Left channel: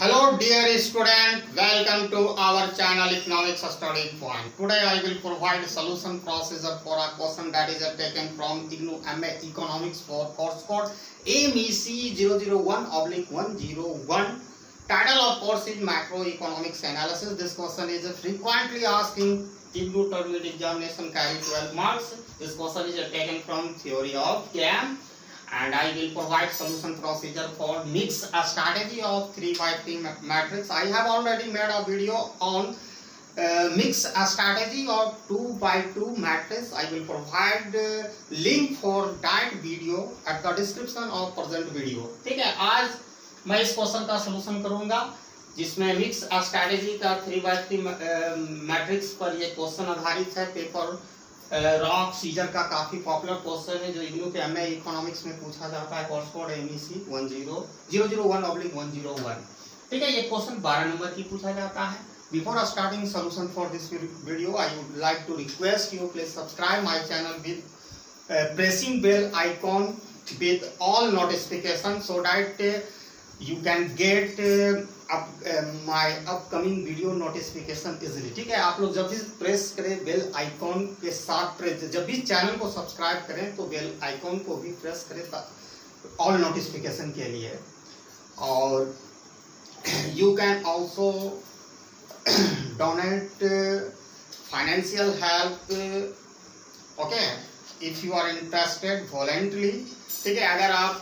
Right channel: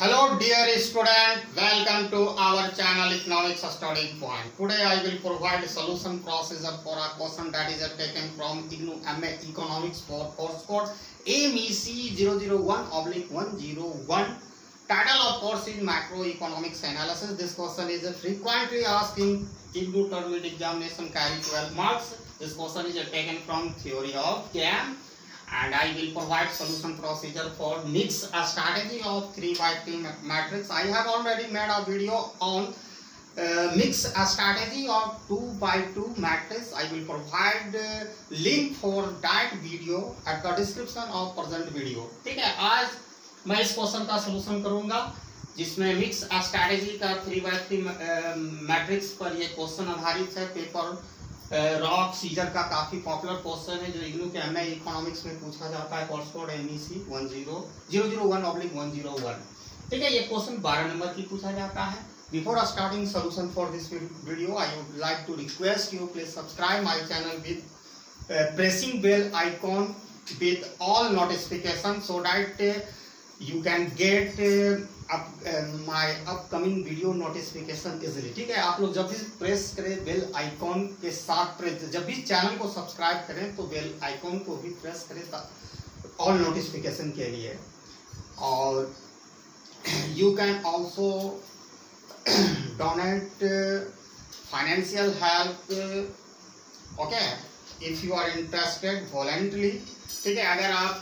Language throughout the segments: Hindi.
Hello dear student, welcome to our channel Economics Study Point. Today I will provide a solution procedure for a question that is taken from IGNOU MA Economics for course code MEC 001/101. Title of course is Macroeconomics Analysis. This question is frequently asked in IGNOU Termite examination carry 12 marks. This question is taken from theory of GAM. And I will provide solution procedure for mix a strategy of 3x3 matrix. I have already made a video on mix a strategy of 2x2 matrix. I will provide link for that video at the description of present video. ठीक है, आज मैं इस क्वेश्चन का सलूशन करूंगा जिसमें मिक्स अ स्ट्रैटेजी का 3x3 मैट्रिक्स पर ये क्वेश्चन आधारित है। पेपर रॉक सीजर का काफी पॉपुलर क्वेश्चन है जो इग्नू के एमए इकोनॉमिक्स में पूछा जाता है। Course code MEC 001/101। ठीक है, ये क्वेश्चन 12 नंबर की पूछा जाता है। Before starting solution for this video I would like to request you please subscribe my channel with pressing bell icon with all notification so that you can get my upcoming video notification easily। ठीक है, आप लोग जब भी प्रेस करें बेल आइकॉन के साथ जब भी चैनल को सब्सक्राइब करें तो बेल आइकॉन को भी प्रेस करें ऑल नोटिफिकेशन के लिए। और you can also donate financial help okay if you are interested voluntarily. ठीक है, अगर आप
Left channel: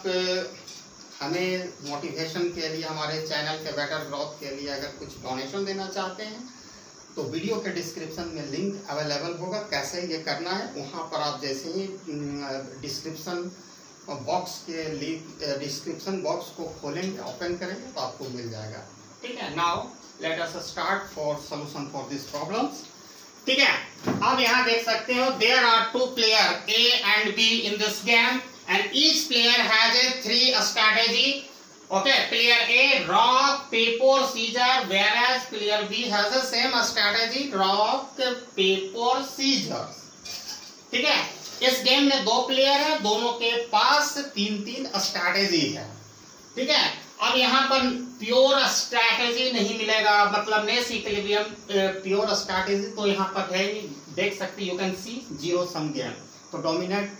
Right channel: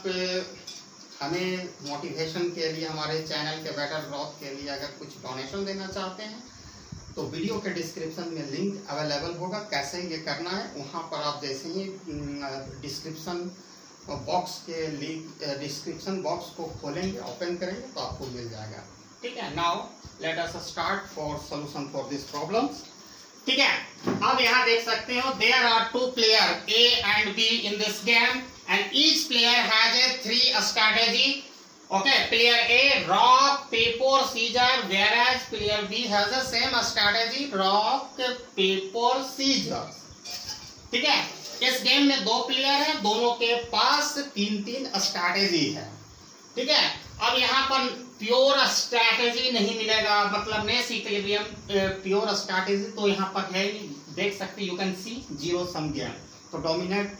हमें मोटिवेशन के लिए हमारे चैनल के बेटर ग्रोथ के लिए अगर कुछ डोनेशन देना चाहते हैं तो वीडियो के डिस्क्रिप्शन में लिंक अवेलेबल होगा। कैसे ये करना है वहां पर आप जैसे ही डिस्क्रिप्शन बॉक्स को खोलेंगे ओपन करेंगे तो आपको मिल जाएगा। ठीक है, now let us start for solution for this problems. ठीक है, अब यहाँ देख सकते हो there are two player A and B in this game and each player has a 3 strategy. Okay, player A rock paper scissors whereas player B has the same strategy rock paper scissors। ठीक है, इस गेम में 2 प्लेयर है, दोनों के पास 3-3 स्ट्रैटेजी है। ठीक है, अब यहाँ पर प्योर स्ट्रैटेजी नहीं मिलेगा, मतलब नेस इक्विलिब्रियम प्योर स्ट्रैटेजी तो यहाँ पर है नहीं। देख सकते you can see zero sum game, तो डोमिनेट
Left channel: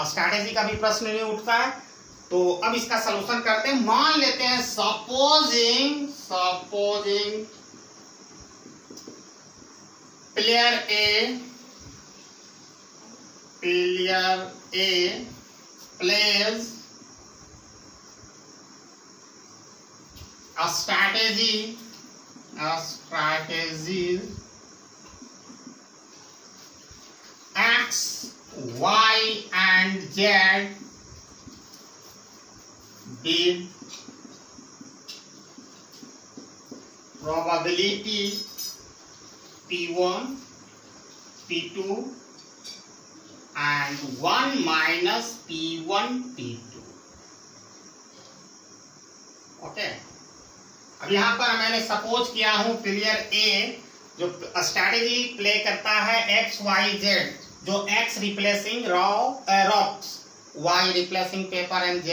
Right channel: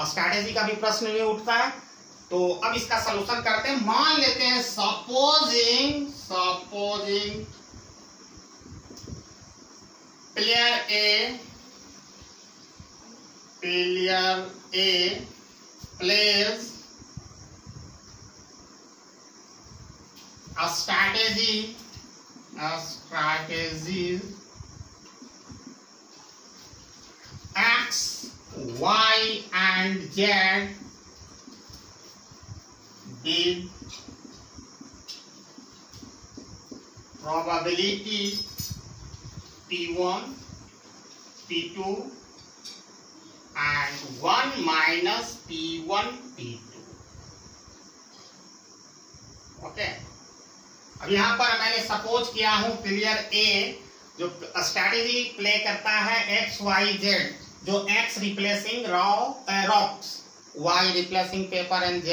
स्ट्रैटेजी का भी प्रश्न नहीं उठता है। तो अब इसका सलूशन करते हैं। मान लेते हैं supposing player A plays a strategy X, Y and Z with probability P1, P2 and 1 minus P1, P2। Okay, अब यहाँ पर मैंने सपोज किया हूं प्लेयर ए जो स्ट्रैटेजी प्ले करता है XYZ, जो X replacing rocks, Y replacing paper and Z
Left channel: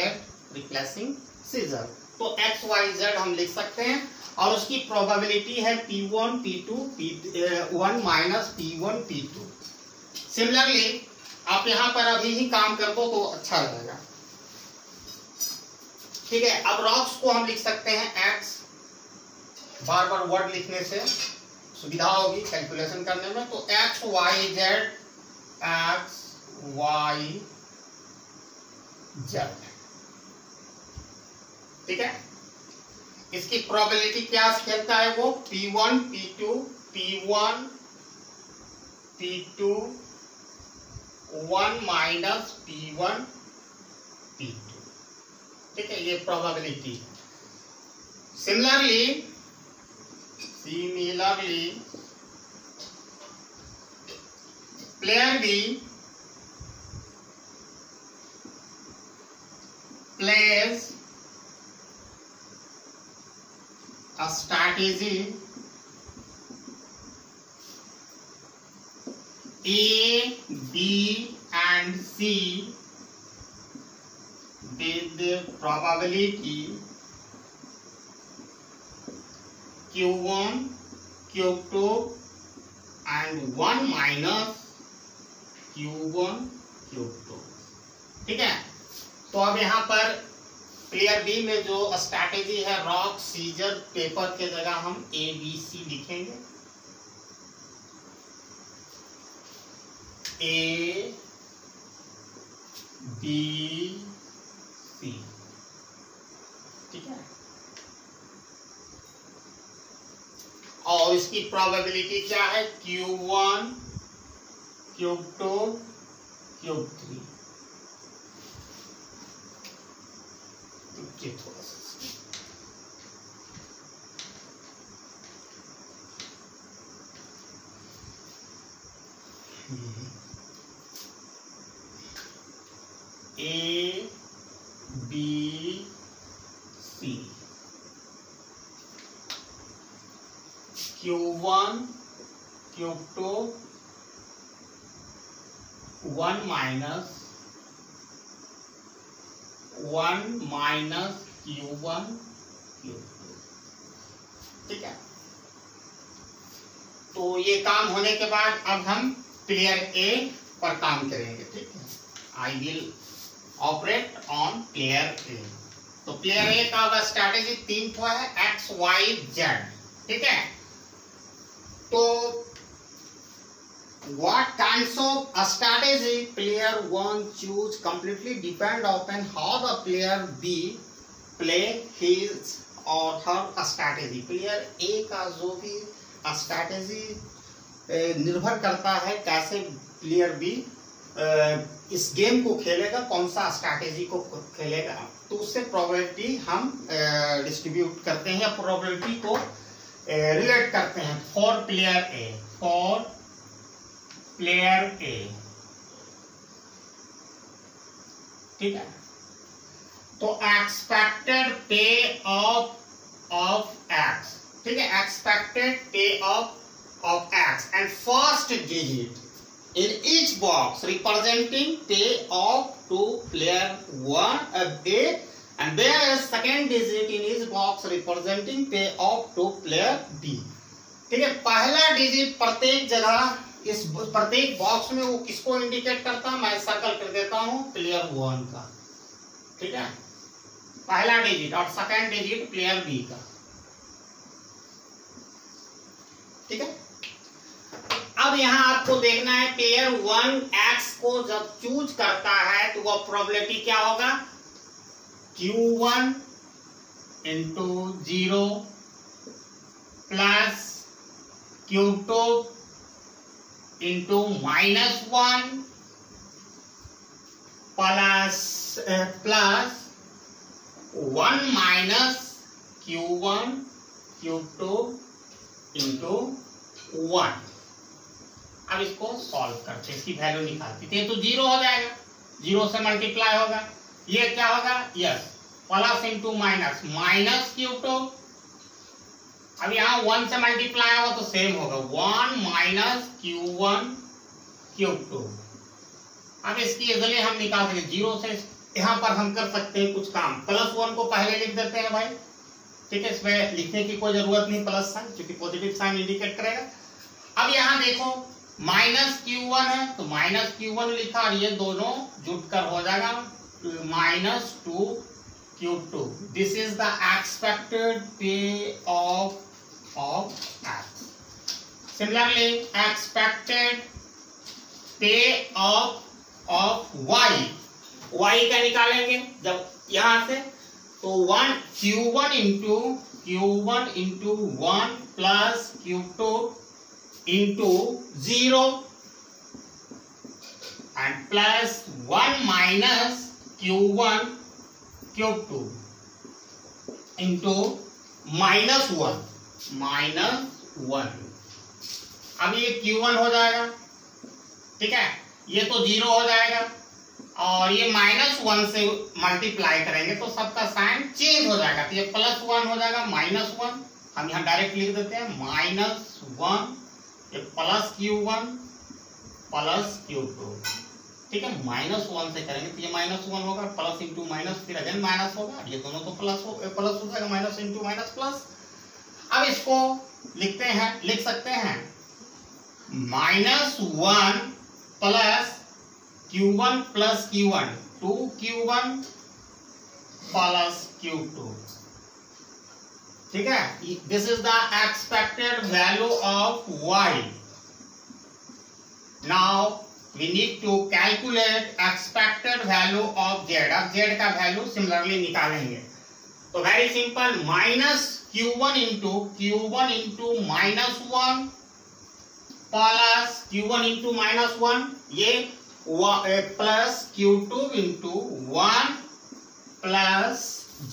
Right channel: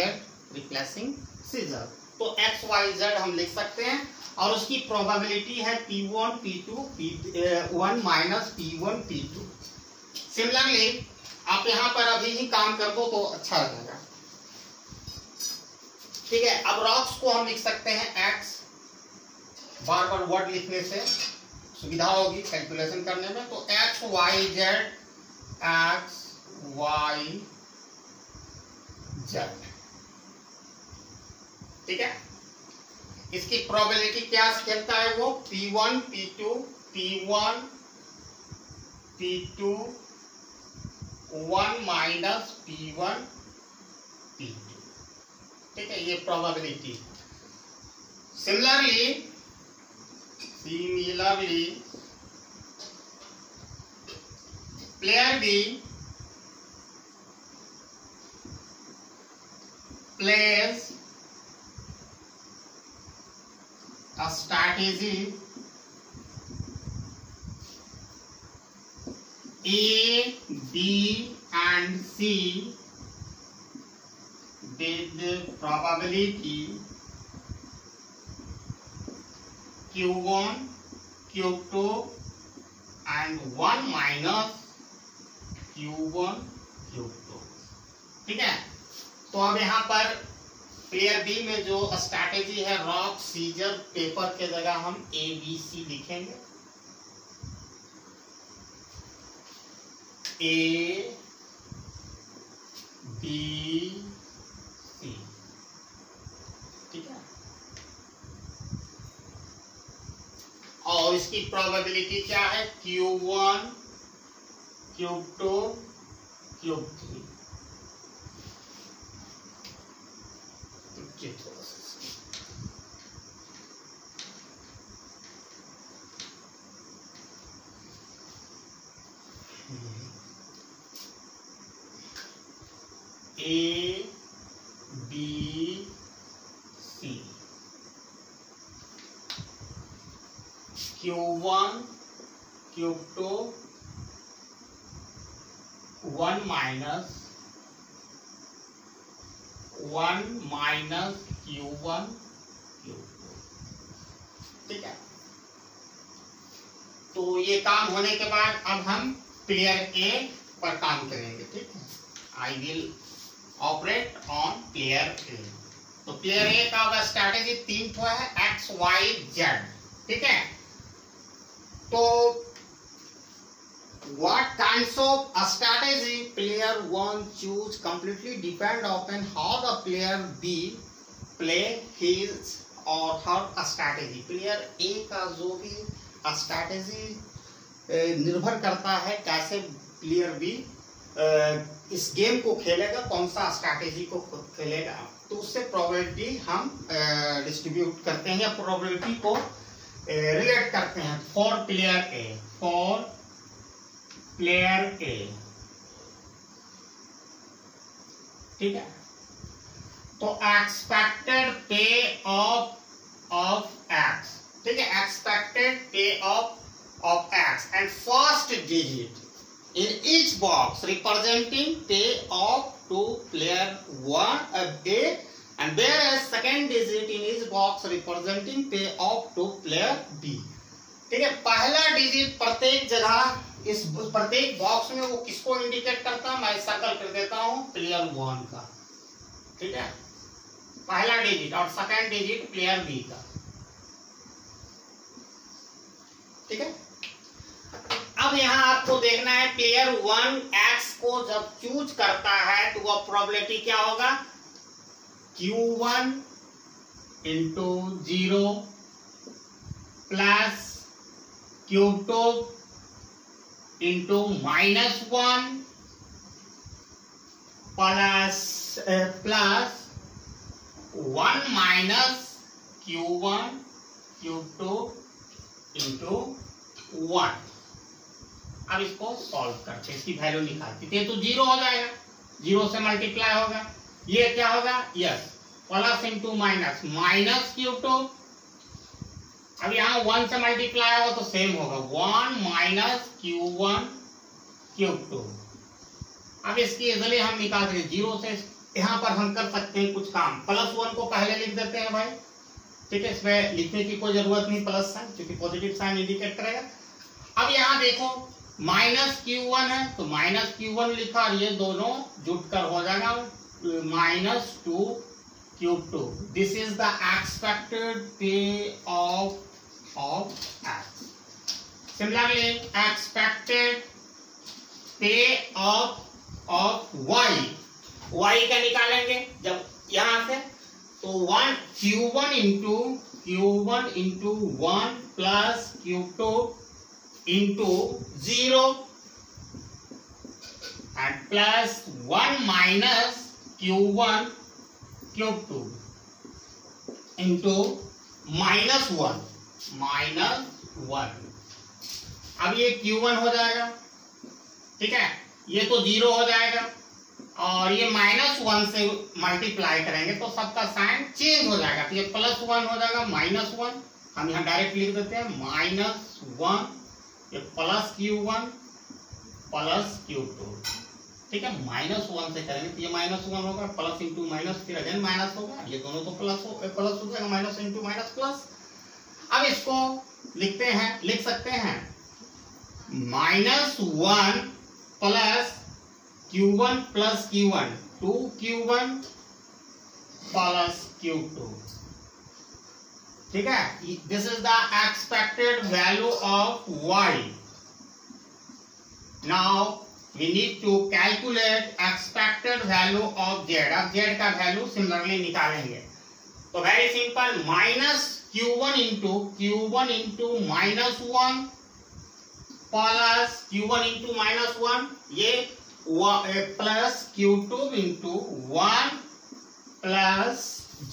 replacing scissor. तो XYZ हम लिख सकते हैं और उसकी प्रोबेबिलिटी है P1, P2, P1 minus P1, P2। Similarly आप यहाँ पर अभी ही काम कर दो तो अच्छा रहेगा। ठीक है, अब रॉक्स को हम लिख सकते हैं X, बार बार वर्ड लिखने से सुविधा होगी कैलकुलेशन करने में। तो XYZ। ठीक है, इसकी प्रोबेबिलिटी क्या कहता है वो P1, P2, P1, P2 1 minus P1, P2। ठीक है, ये probability. Similarly player B plays a strategy A, B and C with the probability Q1 Q2 and 1 minus Q1 Q2। ठीक है, तो अब यहाँ पर प्लेयर बी में जो स्ट्रैटेजी है रॉक सीजर पेपर के जगह हम ABC लिखेंगे। A B C। ठीक है, और इसकी प्रोबेबिलिटी क्या है? Q1 Q2 Q3। A B C Q1 Q2 1 minus Q1 Q2। ठीक है, तो ये काम होने के बाद अब हम प्लेयर ए पर काम करेंगे। ठीक है, I will operate on player ए। तो प्लेयर ए का स्ट्रैटेजी 3 ठो है, एक्स वाई जेड। ठीक है, तो what kinds of a strategy player 1 choose completely depend upon how the player B play his or her strategy। Player A का जो भी स्ट्रैटेजी निर्भर करता है कैसे प्लेयर B इस गेम को खेलेगा, कौन सा स्ट्रैटेजी को खेलेगा, तो उससे प्रोबेबिलिटी हम डिस्ट्रीब्यूट करते हैं या प्रोबेबिलिटी को रिलेट करते हैं for player A. For player ए, ठीक है, तो एक्सपेक्टेड पे ऑफ एक्स। ठीक है, एक्सपेक्टेड पे of x and first digit in each box representing payoff to player 1 A and there is second digit in each box representing payoff to player B। ठीक है, पहला डिजिट प्रत्येक जगह इस प्रत्येक बॉक्स में वो किसको इंडिकेट करता है? मैं सर्कल कर देता हूं प्लेयर 1 का। ठीक है, पहला डिजिट और सेकंड डिजिट प्लेयर बी का। ठीक है, अब यहां आपको देखना है प्लेयर 1 एक्स को जब चूज करता है तो वह प्रोबेबिलिटी क्या होगा? Q1 into 0 plus Q2 into -1 plus 1 minus Q1 Q2 into 1। अब इसको सॉल्व करते, इसकी वैल्यू निकालते हैं तो 0 हो जाएगा, 0 से मल्टीप्लाई होगा, ये क्या होगा? Yes, plus into minus Q2। अब यहाँ 1 से मल्टीप्लाई होगा तो सेम होगा 1 माइनस Q1 Q2। अब इसकी इजीली हम निकाल सकते, 0 से यहाँ पर हम कर सकते हैं कुछ काम। +1 को पहले लिख देते हैं भाई। ठीक है, इसमें लिखने की कोई जरूरत नहीं प्लस साइन, क्योंकि पॉजिटिव साइन इंडिकेट करेगा। अब यहाँ देखो -Q1 है तो -Q1 लिखा और ये दोनों जुटकर हो जाएगा -2 Q2। This is the expected पे ऑफ एक्स। सिमिलरली एक्सपेक्टेड पे ऑफ वाई, वाई का निकालेंगे जब यहां से तो Q1 into 1 plus Q2 into 0 and plus 1 minus Q1 Q2 into -1। अब ये Q1 हो जाएगा। ठीक है, ये तो 0 हो जाएगा और ये -1 से मल्टीप्लाई करेंगे तो सबका साइन चेंज हो जाएगा, तो ये +1 हो जाएगा -1। हम यहाँ डायरेक्ट लिख देते हैं -1, ये प्लस Q1 प्लस Q2। ठीक है, -1 से करेंगे तो ये -1 होगा, प्लस इंटू माइनस फिर अगेन माइनस होगा, ये दोनों तो प्लस हो जाएगा, माइनस इंटू माइनस प्लस। अब इसको लिख सकते हैं -1 plus Q1 plus Q1 2Q1 plus Q2, ठीक है। This is the expected value of y। Now we need to calculate expected value of z। अब z का वैल्यू सिमिलरली निकालेंगे, तो very simple, -Q1 into -1 plus Q1 into -1, ये plus Q2 into 1 plus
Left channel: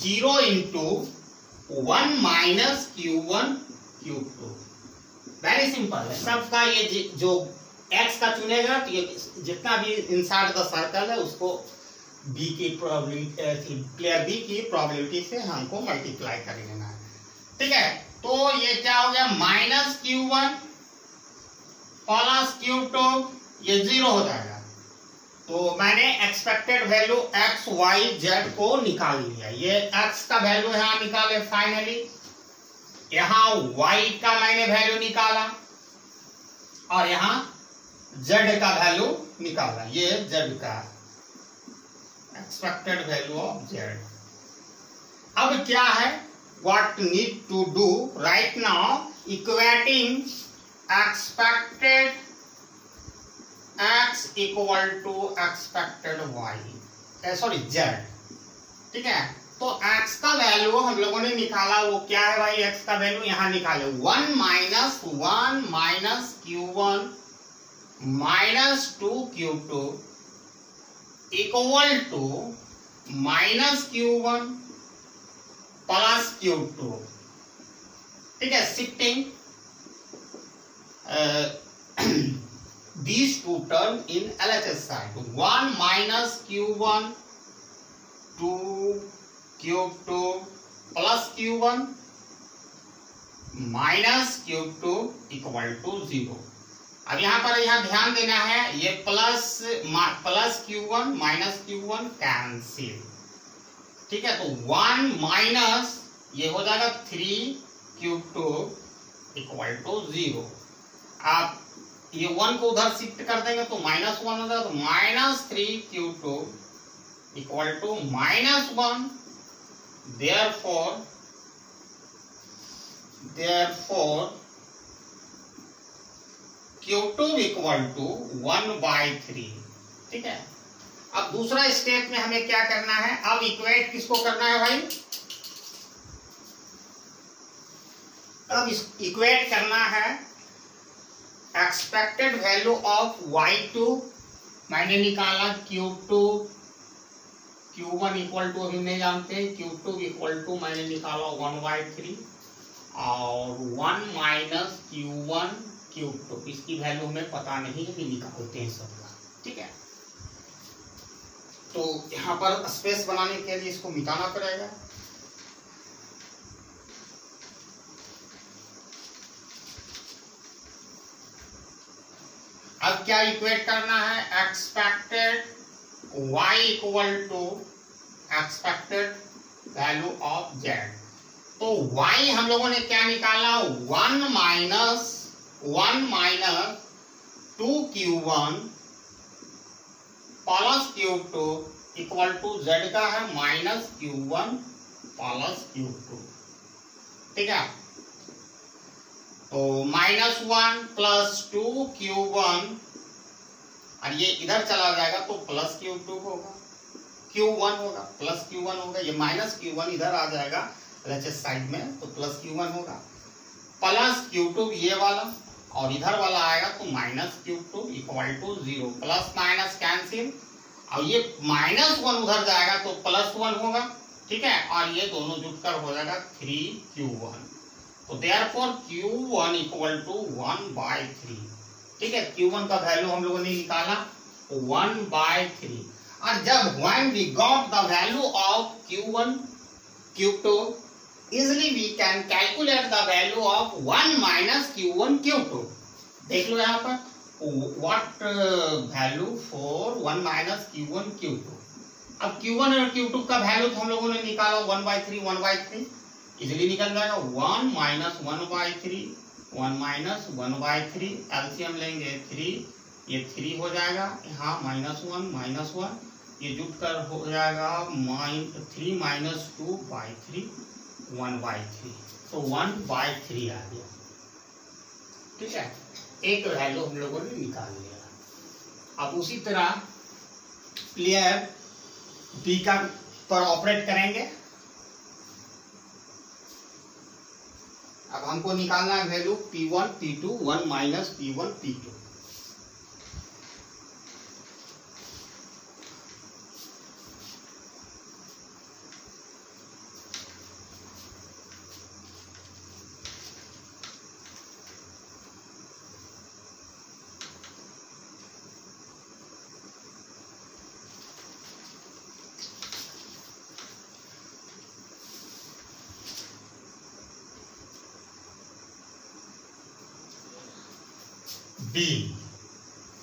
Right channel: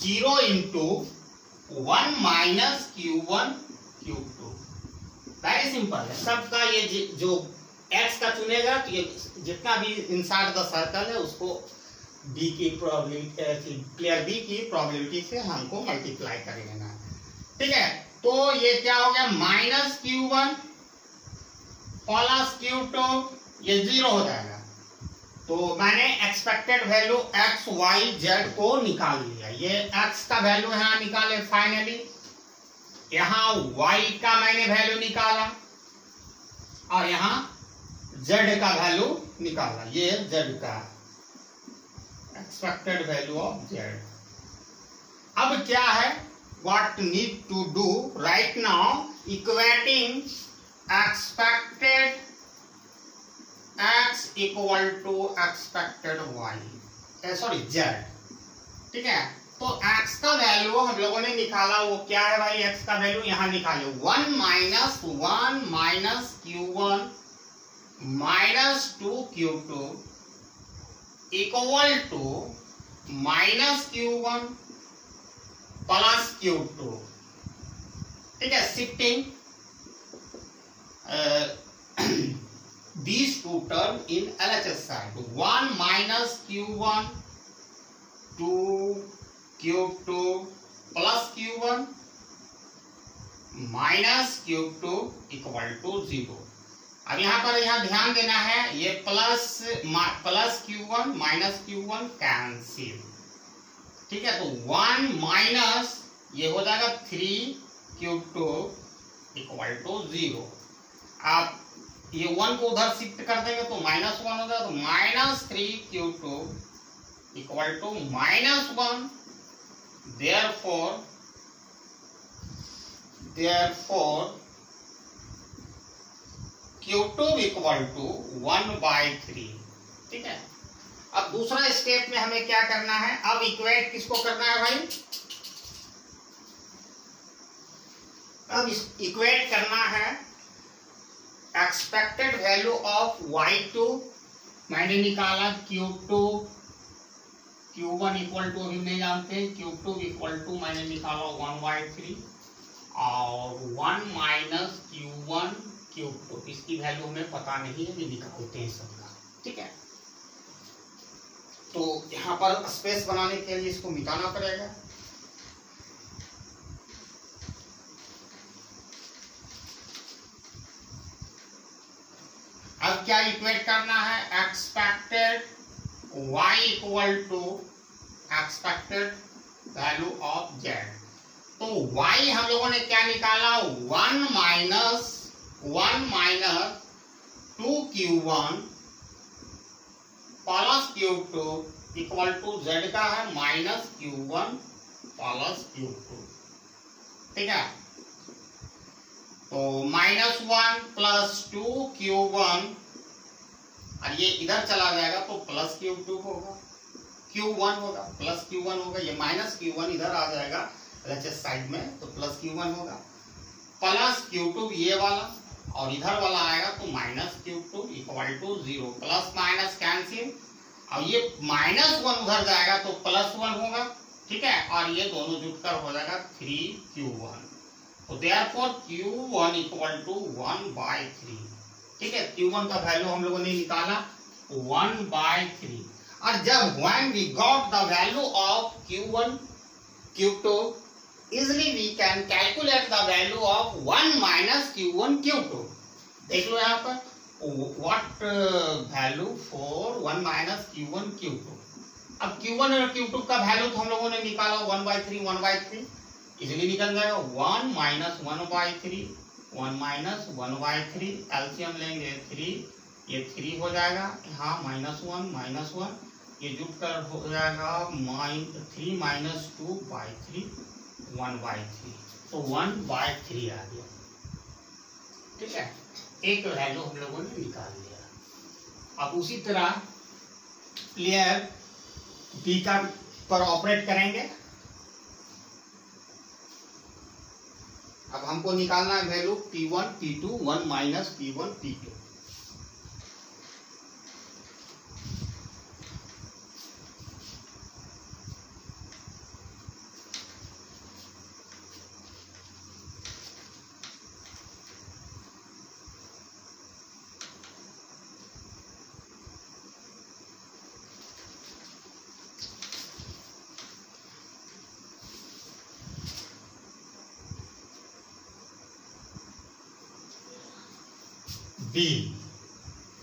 0 into 1 minus Q1 Q2। Very simple है सबका। ये जो x का चुनेगा तो ये जितना भी इनसाइड द सर्कल है उसको b की प्रोबेबिलिटी, प्लेयर b की प्रोबेबिलिटी से हमको मल्टीप्लाई कर लेना है, ठीक है। तो ये क्या हो गया, -Q1 प्लस Q2, ये 0 हो जाएगा। तो मैंने expected value x y z को निकाल लिया। ये x का वैल्यू यहाँ निकाले फाइनली, यहाँ y का मैंने वैल्यू निकाला और यहाँ z का वैल्यू निकाला। ये z का एक्सपेक्टेड वैल्यू ऑफ z। अब क्या है, what need to do right now, equating expected x equal to expected y, sorry z, ठीक है। तो x का वैल्यू हम लोगों ने निकाला, वो क्या है भाई, x का वैल्यू यहाँ निकाले 1 minus Q1 minus 2Q2 equal to -Q1 plus Q2, ठीक है। Shifting these two terms in LHS side, 1 minus Q1 2Q2 plus Q1 minus Q2 equal to 0। अब यहाँ पर ध्यान देना है, ये plus Q1 minus Q1 cancel, ठीक है। तो 1 माइनस ये हो जाएगा 3Q2 इक्वल टू 0। आप ये 1 को उधर शिफ्ट कर देंगे तो -1 हो जाएगा, तो -3Q2 equal to -1। therefore Q2 equal to 1/3, ठीक है। अब दूसरा स्टेप में हमें क्या करना है, अब इक्वेट किसको करना है भाई, अब इक्वेट करना है एक्सपेक्टेड वैल्यू ऑफ y2 मैंने निकाला, Q1 इक्वल टू अभी नहीं जानते, Q2 इक्वल टू मैंने निकाला 1/3 और 1 माइनस Q1 Q2, इसकी वैल्यू हमें पता नहीं है, भी निकालते हैं सबका, ठीक है। तो यहाँ पर स्पेस बनाने के लिए इसको मिटाना पड़ेगा। अब क्या इक्वेट करना है, expected y equal to expected value of z। तो y हम लोगों ने क्या निकाला, 1 minus 2Q1 plus Q2 equal to z का है -Q1 प्लस Q2, ठीक है। तो -1 प्लस 2Q1 और ये इधर चला जाएगा तो प्लस Q2 होगा, Q1 होगा, प्लस Q1 होगा, ये -Q1 इधर आ जाएगा LHS साइड में तो प्लस Q1 होगा, प्लस Q2 ये वाला और इधर वाला आएगा तो -Q2 equal to 0। Plus minus cancel और ये -1 उधर जाएगा तो +1 होगा, ठीक है। और ये दोनों जुटकर हो जाएगा 3Q1। तो देयरफॉर Q1 इक्वल टू 1/3, ठीक है। Q1 का वैल्यू हम लोगों ने निकाला 1/3। और जब when we got the value of Q1 Q2 easily we can calculate the value of 1 minus Q1 Q2। देख लो यहाँ पर what value for 1 minus Q1 Q2। अब Q1 और Q2 का वैल्यू तो हम लोगों ने निकाला 1/3 1/3, इजिली निकल जाएगा। 1 माइनस 1/3, 1 माइनस 1/3, एलसीएम लेंगे 3, ये 3 हो जाएगा, यहाँ -1, ये जुट कर हो जाएगा 3 माइनस 2/3, 1/3, तो 1/3 आ गया। ठीक है, एक वैल्यू हम लोगों ने निकाल लिया। अब उसी तरह प्लेयर बी का पर ऑपरेट करेंगे। अब हमको निकालना है value P1 P2, 1 minus P1 P2। B,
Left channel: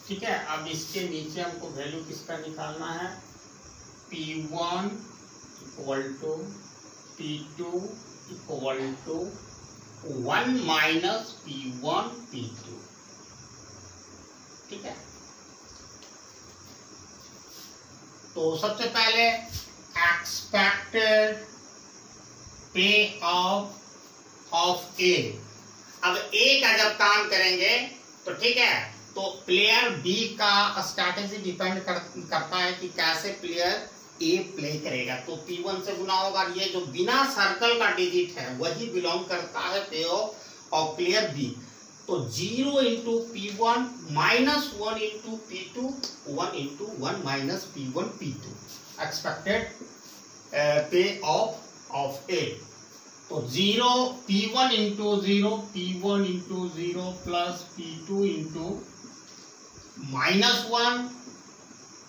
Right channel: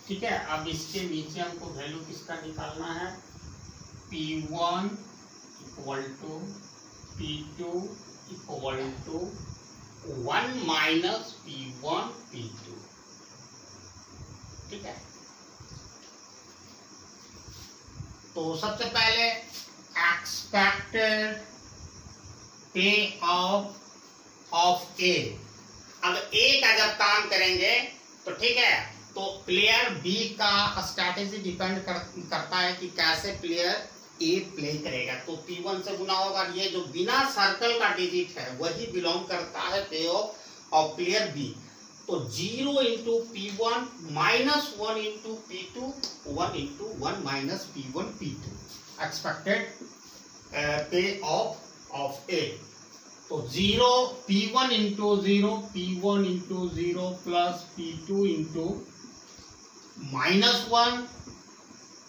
ठीक है। अब इसके नीचे हमको वैल्यू किसका निकालना है? P1 equal to P2 equal to 1 minus P1 P2। ठीक है, तो सबसे पहले एक्सपेक्टेड पे ऑफ ए। अब ए का जब काम करेंगे तो ठीक है, तो प्लेयर बी का स्ट्रैटेजी डिपेंड करता है कि कैसे प्लेयर ए प्ले करेगा। तो P1 से गुना होगा, ये जो बिना सर्कल का डिजिट है वही बिलोंग करता है पे ऑफ प्लेयर बी। तो 0 into P1 minus 1 into P2, 1 into 1 minus P1 P2 expected payoff A. तो 0 P1 into 0, P1 into 0 plus P2 into -1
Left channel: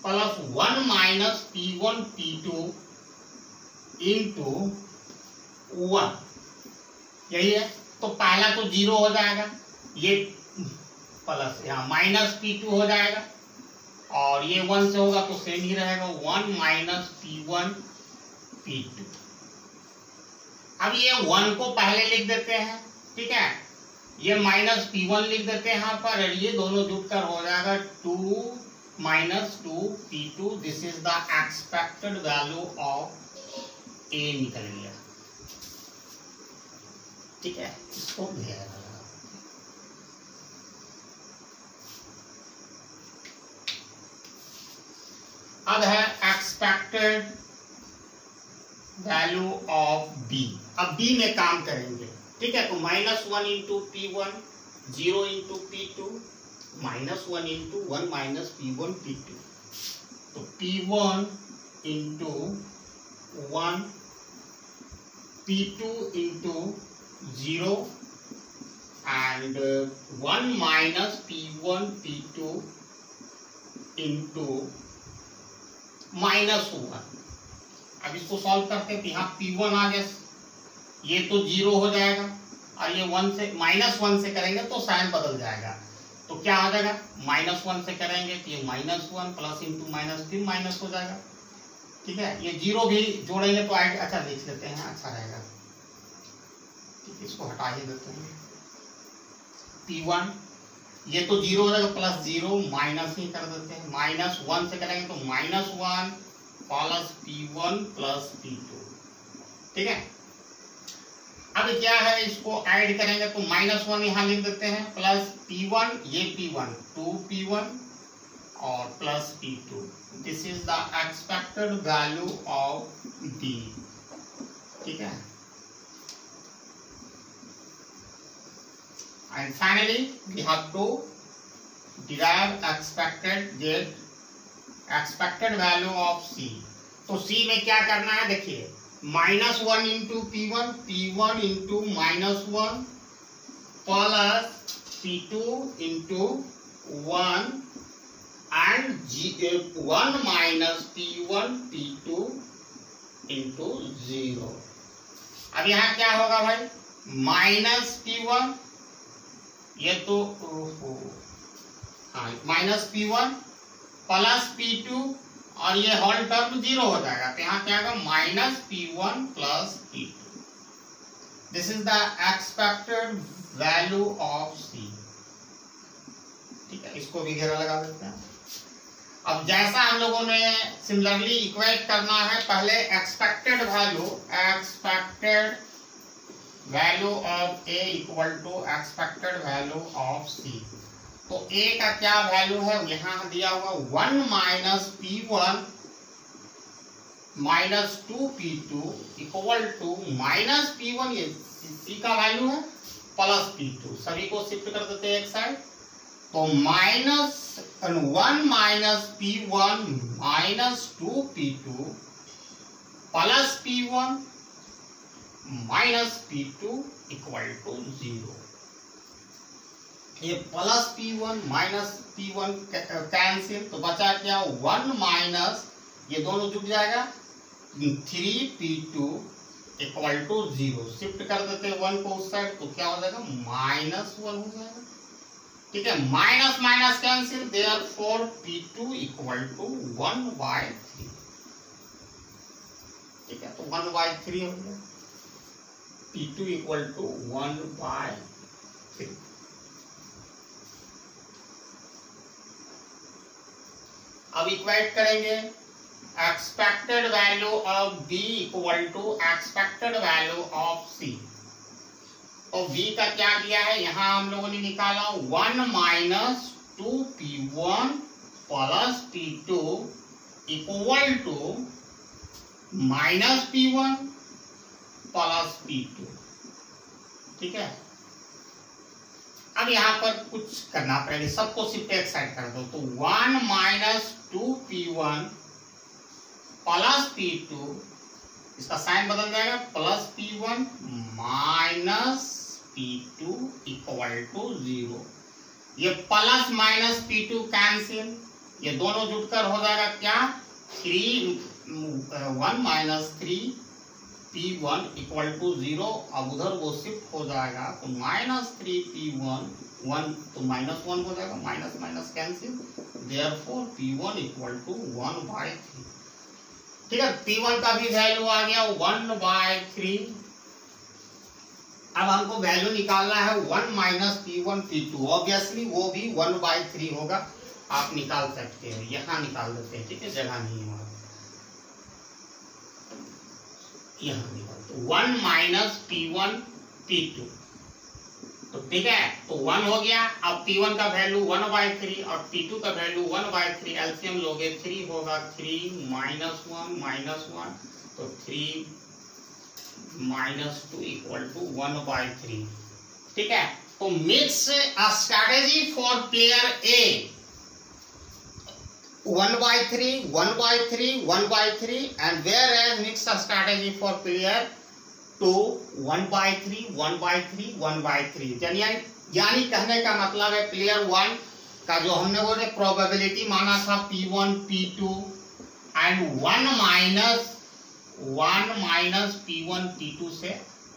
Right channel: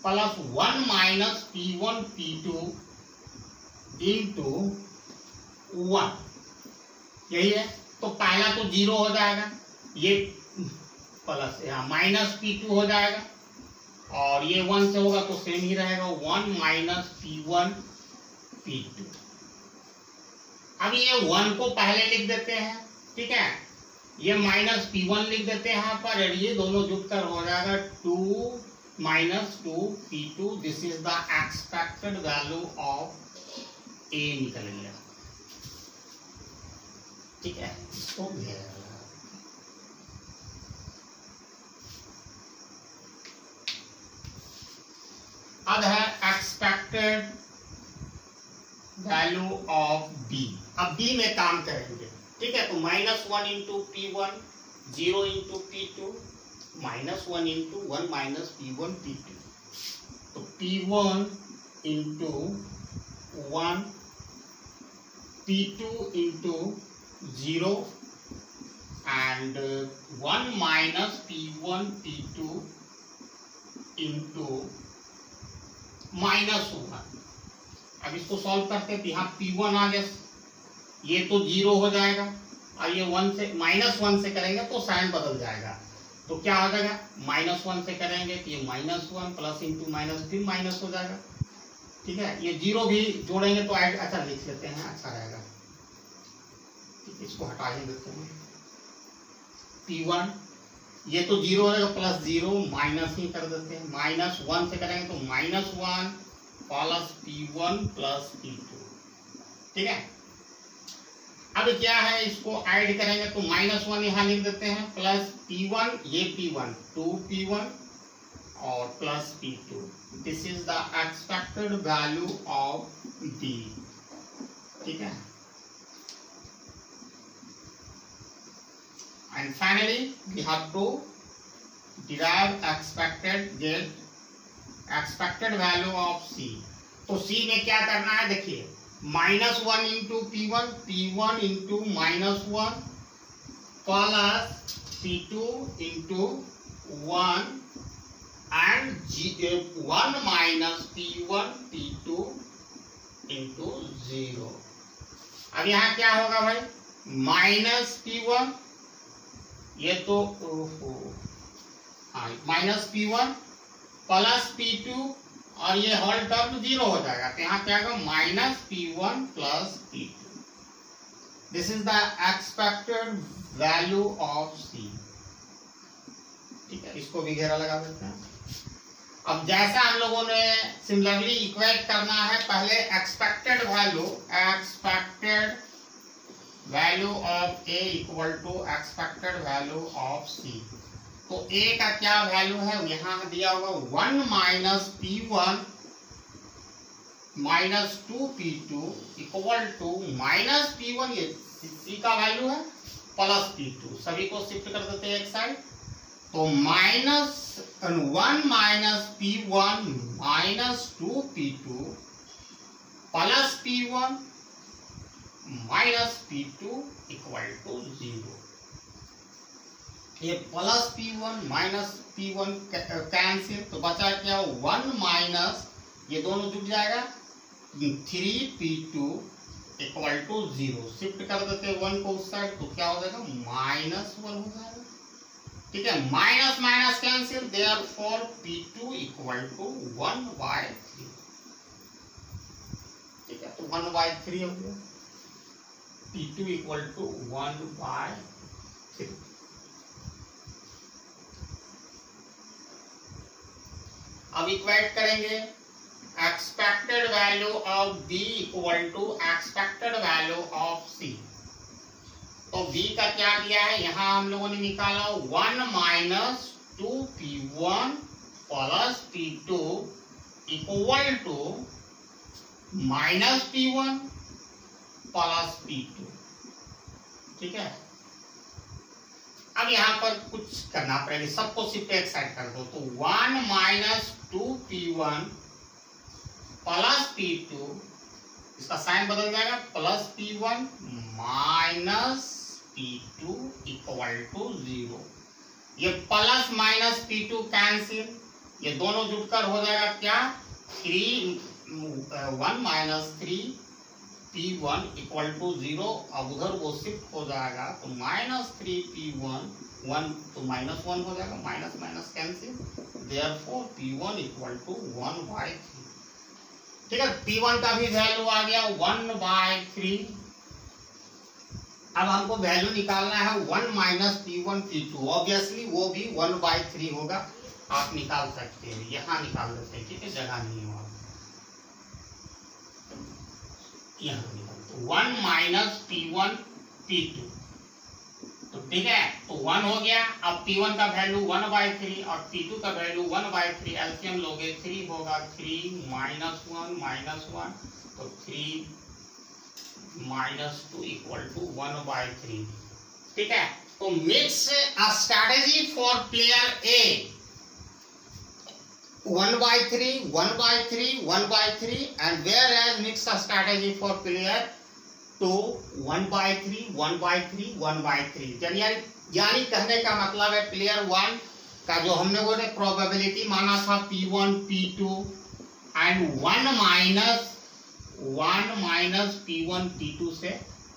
plus 1 minus P1 P2 into 1, यही है। तो पहला तो 0 हो जाएगा, ये प्लस यहाँ माइनस P2 हो जाएगा, और ये 1 से होगा तो सेम ही रहेगा, 1 माइनस P1 P2। अब ये 1 को पहले लिख देते हैं, ठीक है, ये माइनस P1 लिख देते हैं यहाँ पर, और ये दोनों जुटकर हो जाएगा 2 minus 2 P2। This is the expected value of A निकल गया। ठीक है, इसको घेरा लगा। अब है एक्सपेक्टेड वैल्यू ऑफ बी। अब बी में काम करेंगे, ठीक है। तो -1 into P1, 0 into P2, -1 into 1 minus P1 P2। तो P1 into 1, P2 into 0 and 1 minus P1 P2 into -1। अब इसको सॉल्व करते तो यहाँ P1 आ गया, ये तो 0 हो जाएगा, और ये 1 से -1 से करेंगे तो साइन बदल जाएगा। तो क्या हो जाएगा, -1 से करेंगे तो ये -1 प्लस इंटू माइनस फिर माइनस हो जाएगा। ठीक है, ये 0 भी जोड़ेंगे तो ऐड, अच्छा लिख लेते हैं, अच्छा रहेगा। इसको हटा ही देते हैं। P1 ये तो 0 हो जाएगा, प्लस 0 माइनस ही कर देते हैं, -1 से करेंगे तो -1 प्लस P1 प्लस P2। ठीक है, अब क्या है, इसको ऐड करेंगे तो -1 यहाँ लिख देते हैं, प्लस P1, ये P1 2P1 और plus P2। This is the expected value of D। ठीक है, and finally we have to derive expected value of C। तो C में क्या करना है, देखिए, -1 into P1, P1 into -1 plus P2 into 1 and 1 minus P1 P2 into 0। अब यहाँ क्या होगा भाई, -P1, ये तो हाँ -P1 प्लस P2 और ये होल टर्म 0 हो जाएगा, तो यहाँ क्या होगा -P1 plus P2। This is the expected value of C. ठीक है, इसको भी घेरा लगा देते हैं। अब जैसा हम लोगों ने सिमिलरली इक्वेट करना है, पहले expected value of A equal to expected value of C. तो ए का क्या वैल्यू है, यहां दिया हुआ 1 minus P1 minus 2P2 equal to minus P1, ये सी का वैल्यू है, प्लस P2। सभी को शिफ्ट कर देते हैं एक साइड। तो minus 1 minus P1 minus 2P2 plus P1 minus P2 equal to 0। ये plus P1 minus P1 cancel, तो बचा क्या 1 माइनस, ये दोनों जुड़ जाएगा 3P2 इक्वल टू 0। शिफ्ट कर देते हैं 1 को उस साइड, तो क्या हो जाएगा -1 हो जाएगा। ठीक है, minus minus cancel, therefore P2 equal to 1/3। ठीक है, तो 1/3 हो गया, P2 इक्वल टू 1/3। अब इक्वेट करेंगे expected value of B equal to expected value of C। तो B का क्या दिया है, यहां हम लोगों ने निकाला 1 minus 2P1 plus P2 equal to minus P1 plus P2। ठीक है, अब यहां पर कुछ करना, पहले सबको सिर्फ एक साइड कर दो। तो 1 माइनस 2P1 प्लस P2, इसका साइन बदल जाएगा, plus P1 minus P2 equal to 0। ये प्लस माइनस P2 कैंसिल, ये दोनों जुड़कर हो जाएगा क्या 1 माइनस 3P1 इक्वल टू 0। अब उधर वो शिफ्ट हो जाएगा, तो माइनस 3P1 1, तो -1 हो जाएगा, minus minus cancel, therefore P1 equal to 1/3। ठीक है, P1 का भी वैल्यू आ गया 1/3। अब हमको वैल्यू निकालना है 1 माइनस P1 P2, ऑब्वियसली वो भी 1/3 होगा। आप निकाल सकते हैं, यहां निकाल देते हैं। ठीक है, जगह नहीं है वहां, यहां निकाल, तो 1 माइनस P1 P2। तो ठीक है, तो 1 हो गया। अब P1 का वैल्यू 1/3 और P2 का वैल्यू 1/3, एलसीएम लोगे 3 होगा, 3 -1 तो 3 -2 इक्वल टू 1/3। ठीक है, तो mix strategy for player A 1/3 1/3 1/3, and whereas mixed strategy for player 2 1/3 1/3 1/3। यानी कहने का मतलब है प्लेयर 1 का जो हमने वो प्रोबेबिलिटी माना था P1 P2 and 1 minus P1 P2 से,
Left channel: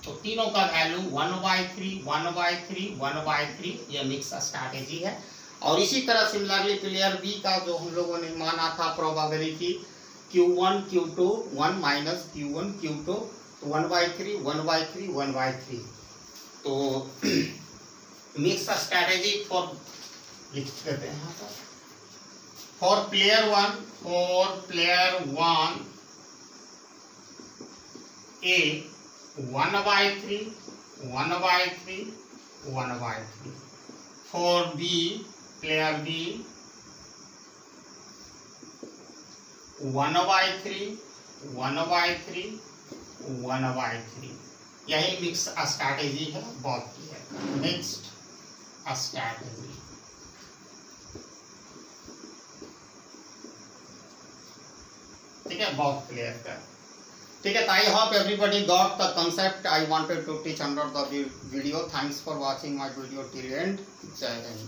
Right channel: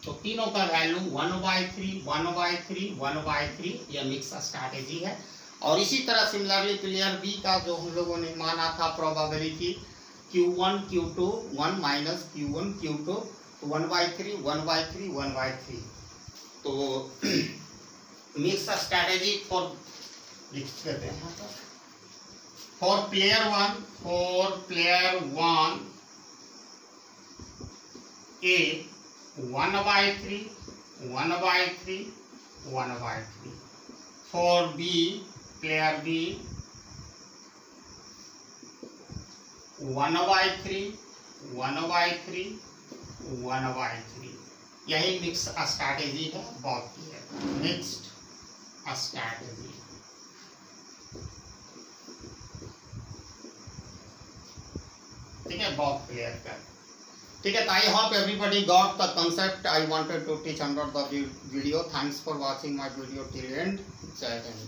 तो तीनों का वैल्यू 1/3 1/3 1/3, ये मिक्स स्ट्रैटेजी है। और इसी तरह सिमिलरली प्लेयर बी का जो हम लोगों ने माना था probability Q1 Q2 1 minus Q1 Q2, 1/3 1/3 1/3। तो मिक्स स्ट्रैटेजी फॉर लिख देते हैं for player 1 A 1/3 1/3 1/3। For B player B 1/3 1/3 1/3। यही मिक्स स्ट्रैटेजी है, बहुत मिक्स्ड स्ट्रैटेजी। ठीक है, बहुत क्लियर कर। ठीक है, I hope everybody got the concept I wanted to teach under the video. Thanks for watching my video till end. Jai Hind.